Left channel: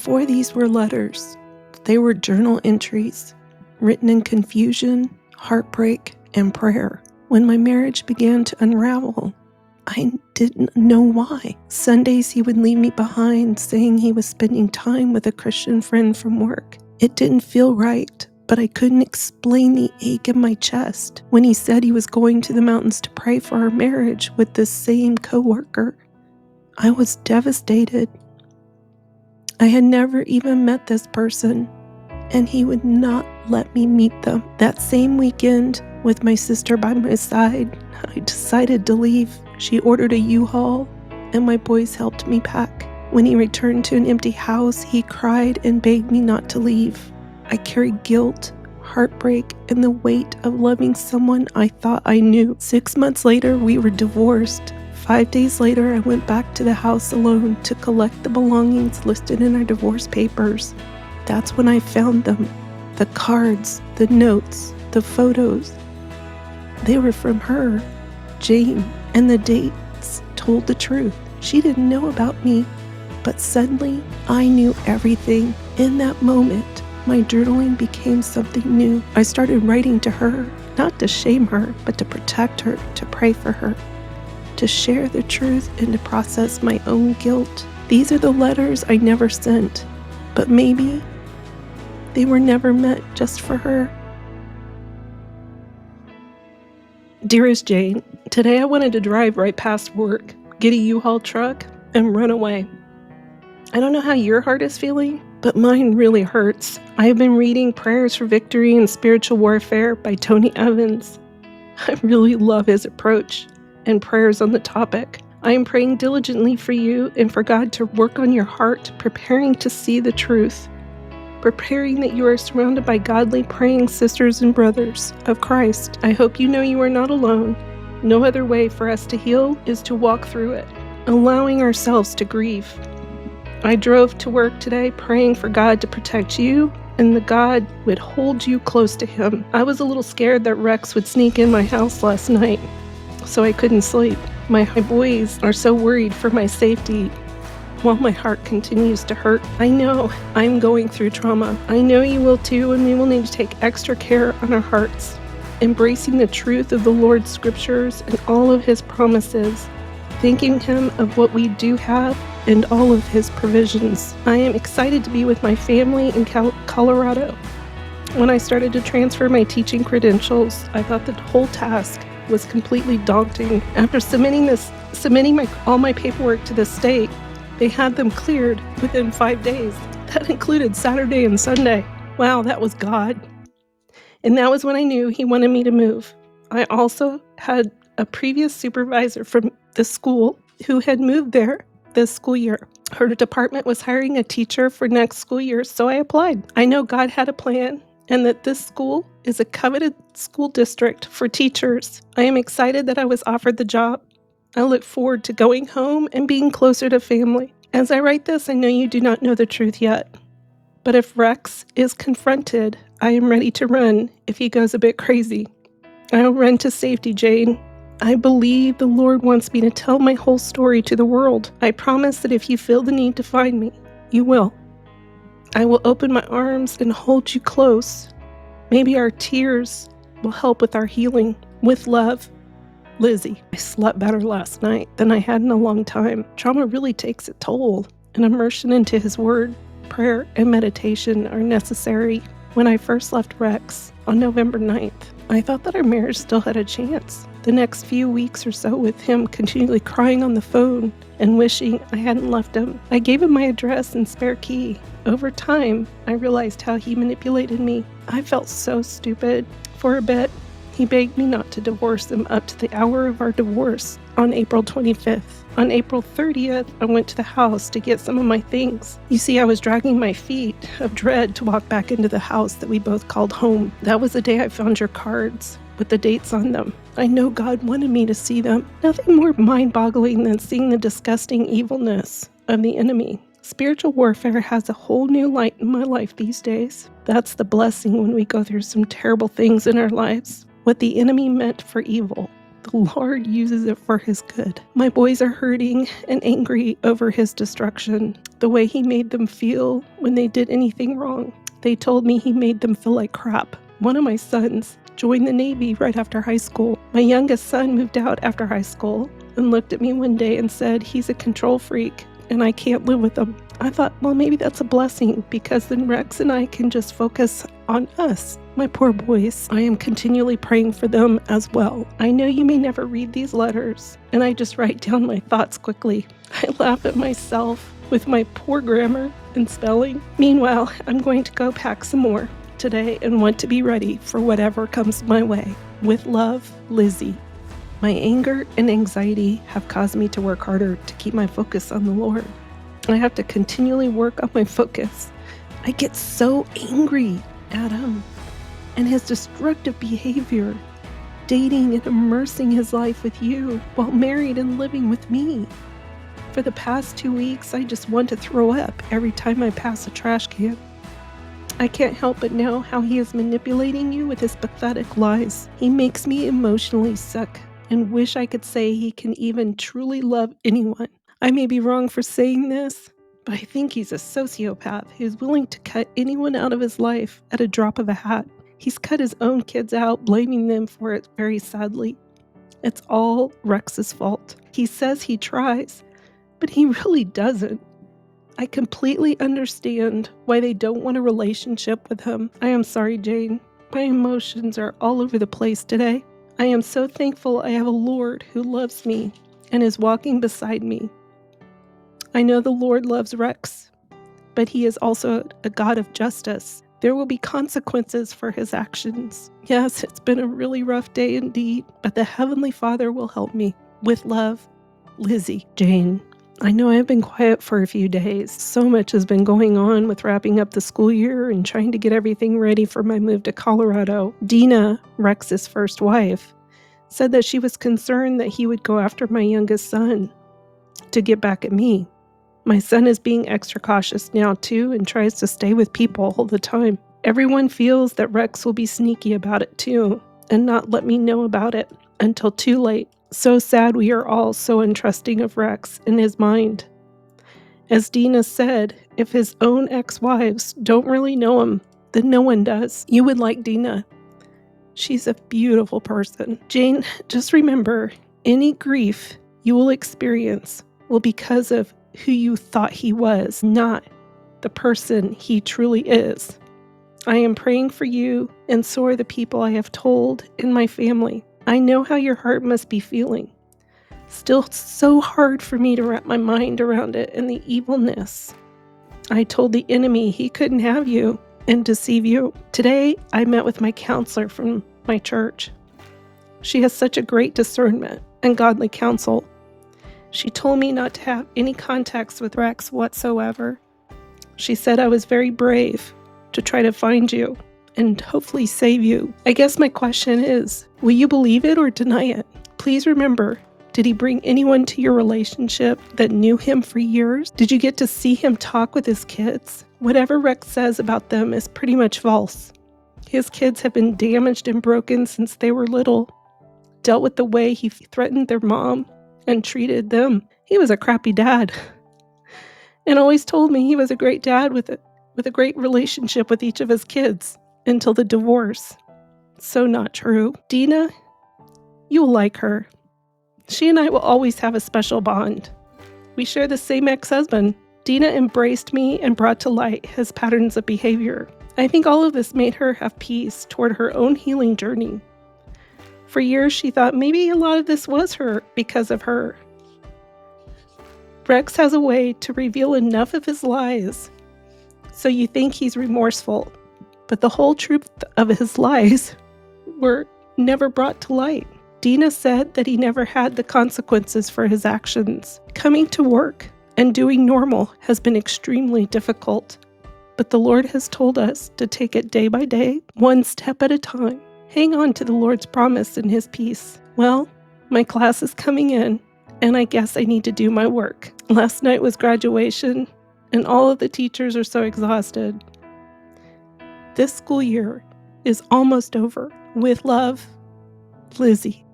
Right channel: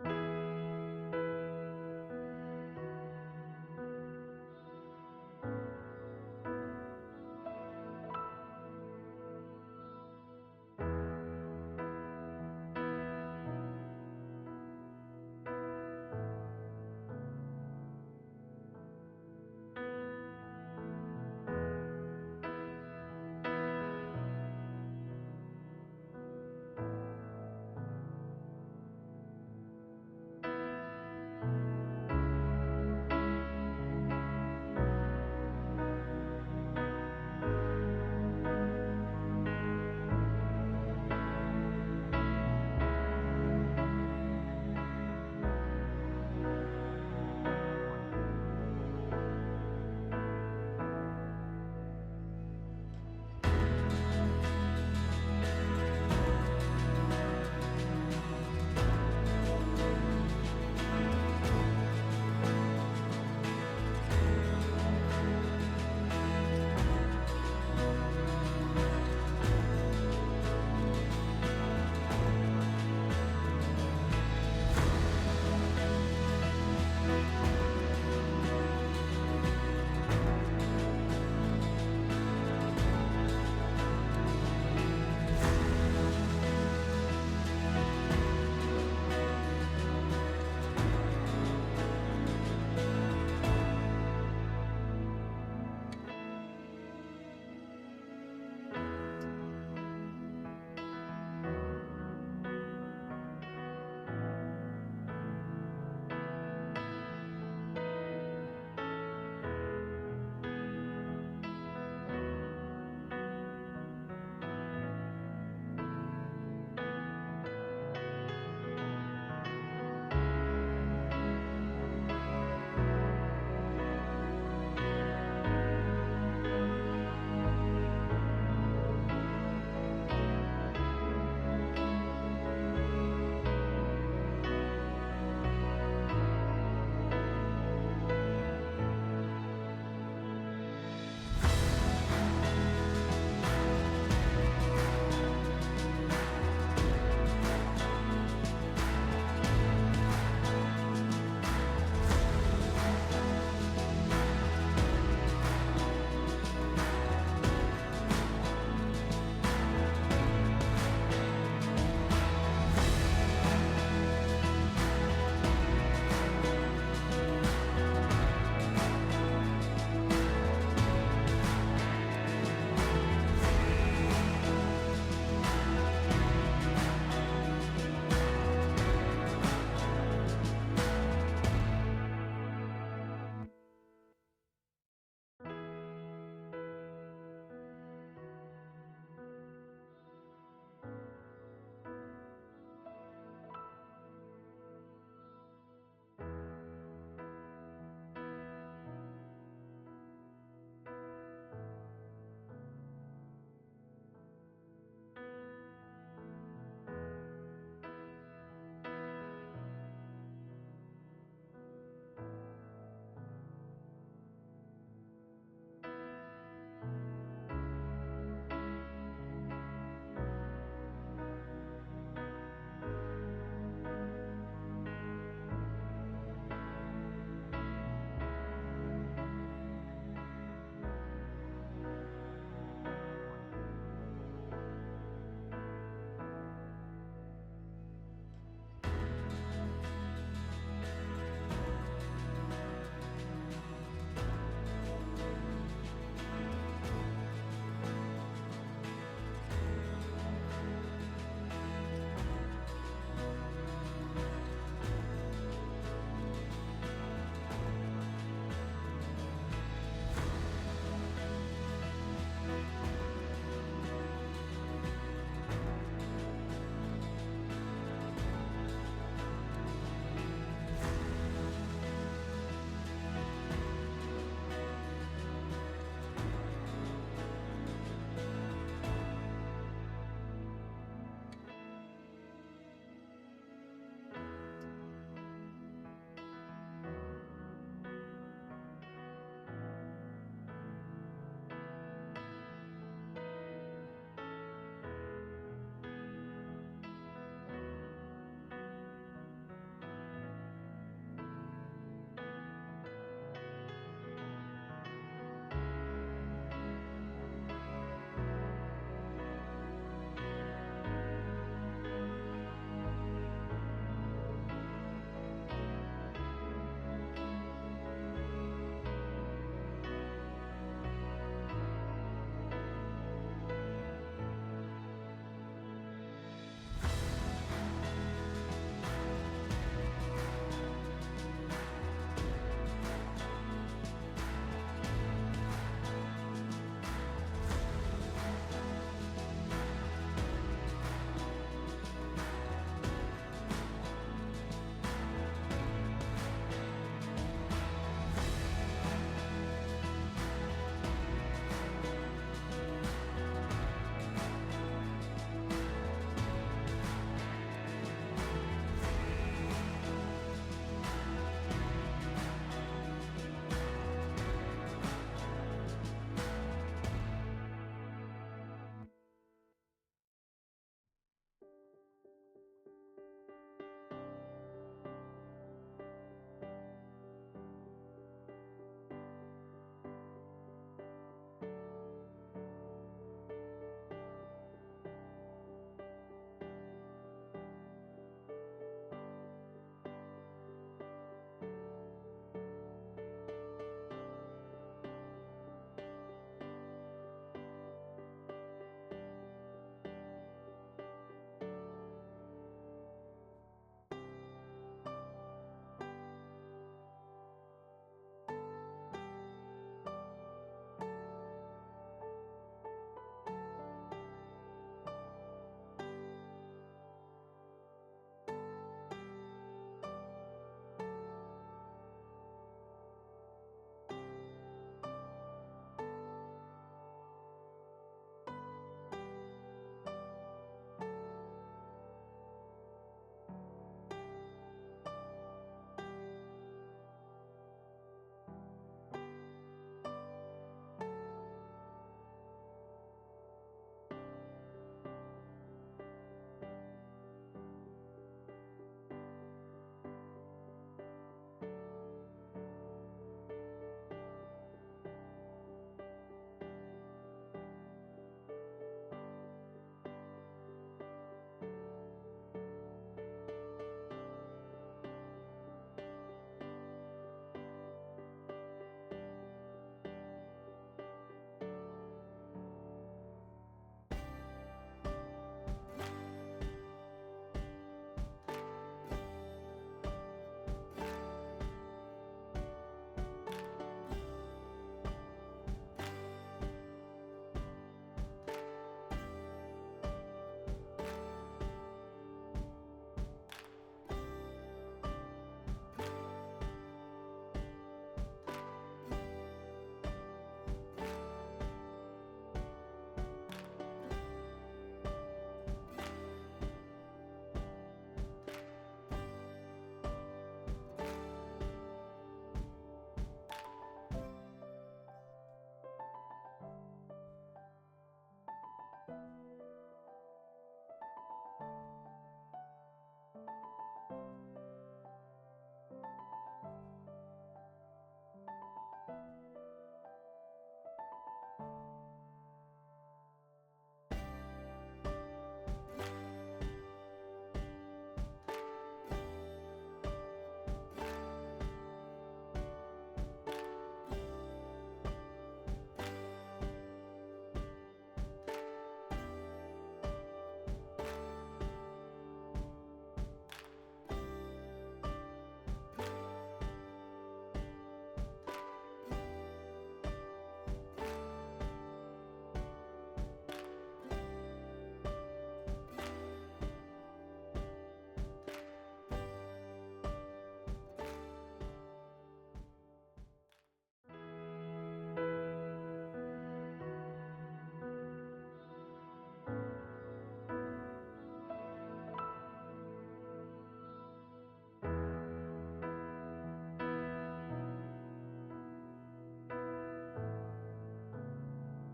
For these were letters. They were journal entries, written in confusion, heartbreak, and prayer. When my marriage began to unravel, I didn't know why. Sundays he would leave me behind, saying he was spending time with a Christian friend from work. It didn't feel right, but I couldn't explain the ache in my chest when he said he was going to the mountains to pray for our marriage with this same coworker. I was devastated. I had never even met this person, and he would not let me meet them. That same weekend, with my sister by my side, I decided to leave. She ordered a U-Haul, and my boys helped me pack. When he returned to an empty house, he cried and begged me not to leave. I carried guilt, heartbreak, and the weight of loving someone I thought I knew. 6 months later, we were divorced. 5 days later, I went back to the house alone to collect the belongings listed in our divorce papers. That's when I found them. The cards, the notes, the photos. They were from her, Jane, and the dates told the truth. She didn't know about me, but suddenly I knew everything. In that moment, my journaling became something new. I started writing to her, not to shame her, but to protect her, to pray for her, to share the truth and to process my own guilt. These are the letters I never sent, but maybe they were never meant just for her. Dearest Jane, today I wanted to drive right past work, get a U-Haul truck, and run away. I don't know how your heart is feeling, but mine really hurts. I have been reading Prayers for Victory and Spiritual Warfare by Tony Evans. I really love his approach and prayers on the topic. I am praying diligently for you and for God to work on your heart, preparing to see the truth, preparing that you are surrounded by godly praying sisters and brothers of Christ. I hope you know you are not alone. No other way for us to heal is to walk through it, allowing ourselves to grieve. I drove to work today praying for God to protect you and that God would hold you close to Him. I was a little scared that Rex would sneak in my house last night, so I couldn't sleep. My boys are so worried for my safety while my heart continues to hurt. I know I'm going through trauma. I know you will too, and we will need to take extra care on our hearts, embracing the truth of the Lord's scriptures and all of His promises, thanking Him of what we do have and all of His provisions. I am excited to be with my family in Colorado. When I started to transfer my teaching credentials, I thought the whole task was completely daunting. After submitting all my paperwork to the state, they had them cleared within 5 days. That included Saturday and Sunday. Wow, that was God. And that was when I knew He wanted me to move. I also had a previous supervisor from the school who had moved there this school year. Her department was hiring a teacher for next school year, so I applied. I know God had a plan and that this school is a coveted school district for teachers. I am excited that I was offered the job. I look forward to going home and being closer to family. As I write this, I know you do not know the truth yet. But if Rex is confronted, I am ready to run if he goes a bit crazy. I'll run to safety, Jane. I believe the Lord wants me to tell my whole story to the world. I promise that if you feel the need to find me, you will. I will open my arms and hold you close. Maybe our tears will help with our healing. With love, Lizzie. I slept better last night than I had in a long time. Trauma really takes a toll, and immersion into His Word, prayer, and meditation are necessary. When I first left Rex on November 9th, I thought that our marriage still had a chance. The next few weeks or so with him continually crying on the phone and wishing I hadn't left him. I gave him my address and spare key. Over time, I realized how he manipulated me. I felt so stupid. For a bit, he begged me not to divorce him up to the hour of our divorce on April 25th. On April 30th, I went to the house to get some of my things. You see, I was dragging my feet of dread to walk back into the house that we both called home. That was the day I found your cards with the dates on them. I know God wanted me to see them. Nothing more mind-boggling than seeing the disgusting evilness of the enemy. Spiritual warfare has a whole new light in my life these days. That's the blessing when we go through some terrible things in our lives. What the enemy meant for evil, The Lord uses it for his good. My boys are hurting and angry over his destruction, the way he made them feel when they did anything wrong. They told me he made them feel like crap. One of my sons joined the Navy right after high school. My youngest son moved out after high school and looked at me one day and said he's a control freak and I can't live with him. I thought, well, maybe that's a blessing because then Rex and I can just focus on us. My poor boys, I am continually praying for them as well. I know you may never read these letters, and I just write down my thoughts quickly. I laugh at myself with my poor grammar and spelling. Meanwhile, I'm going to go pack some more today and want to be ready for whatever comes my way. With love, Lizzie. My anger and anxiety have caused me to work harder to keep my focus on the Lord. I have to continually work on my focus. I get so angry at him and his destructive behavior, dating and immersing his life with you while married and living with me. For the past 2 weeks, I just want to throw up every time I pass a trash can. I can't help but know how he is manipulating you with his pathetic lies. He makes me emotionally sick and wish I could say he can even truly love anyone. I may be wrong for saying this, but I think he's a sociopath who's willing to cut anyone out of his life at a drop of a hat. He's cut his own kids out, blaming them for it very sadly. It's all Rex's fault. He says he tries, but he really doesn't. I completely understand why they don't want a relationship with him. I am sorry, Jane. My emotions are all over the place today. I am so thankful I have a Lord who loves me and is walking beside me. I know the Lord loves Rex, but he is also a God of justice. There will be consequences for his actions. Yes, it's been a really rough day indeed, but the Heavenly Father will help me. With love, Lizzie. Jane. I know I've been quiet for a few days. So much has been going on with wrapping up the school year and trying to get everything ready for my move to Colorado. Dina, Rex's first wife, said that she was concerned that he would go after my youngest son to get back at me. My son is being extra cautious now too and tries to stay with people all the time. Everyone feels that Rex will be sneaky about it too and not let me know about it until too late. So sad we are all so untrusting of Rex and his mind. As Dina said, if his own ex-wives don't really know him, then no one does. You would like Dina. She's a beautiful person. Jane, just remember, any grief you will experience will be because of who you thought he was, not the person he truly is. I am praying for you, and so are the people I have told in my family. I know how your heart must be feeling. Still so hard for me to wrap my mind around it and the evilness. I told the enemy he couldn't have you and deceive you. Today, I met with my counselor from my church. She has such a great discernment and godly counsel. She told me not to have any contacts with Rex whatsoever. She said I was very brave to try to find you and hopefully save you. I guess my question is, will you believe it or deny it? Please remember, did he bring anyone to your relationship that knew him for years? Did you get to see him talk with his kids? Whatever Rex says about them is pretty much false. His kids have been damaged and broken since they were little. Dealt with the way he threatened their mom and treated them. He was a crappy dad. And always told me he was a great dad with a great relationship with each of his kids until the divorce. So not true. Dina, you will like her. She and I will always have a special bond. We share the same ex-husband. Dina embraced me and brought to light his patterns of behavior. I think all of this made her have peace toward her own healing journey. For years, she thought maybe a lot of this was her because of her. Rex has a way to reveal enough of his lies so you think he's remorseful, but the whole truth of his lies were never brought to light. Dina said that he never had the consequences for his actions. Coming to work and doing normal has been extremely difficult, but the Lord has told us to take it day by day, one step at a time. Hang on to the Lord's promise and his peace. Well, my class is coming in, and I guess I need to do my work. Last night was graduation, and all of the teachers are so exhausted. This school year is almost over. With love, Lizzie.